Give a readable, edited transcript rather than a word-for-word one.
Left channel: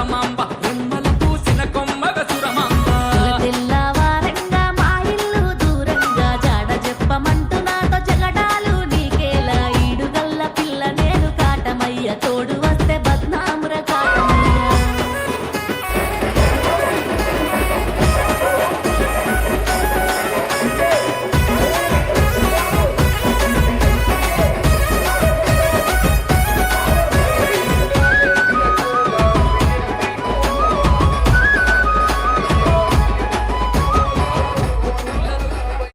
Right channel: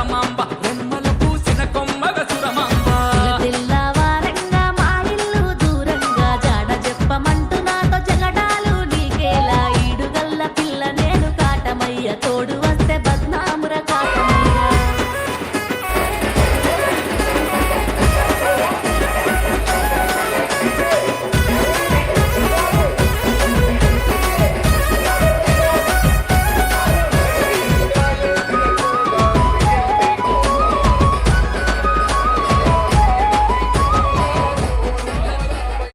సురమాంబ రెమ్మల పూసిన కొమ్మగ సురమాంబ తెల్లవారంగా మా ఇల్లు దూరంగా జాడ చెప్పమంటూ నాతో జగడాలు నీకేలా ఈడుగల్ల పిల్ల నేను కాటమయ్య తోడు వస్తే బద్నాముర కాటమయ్య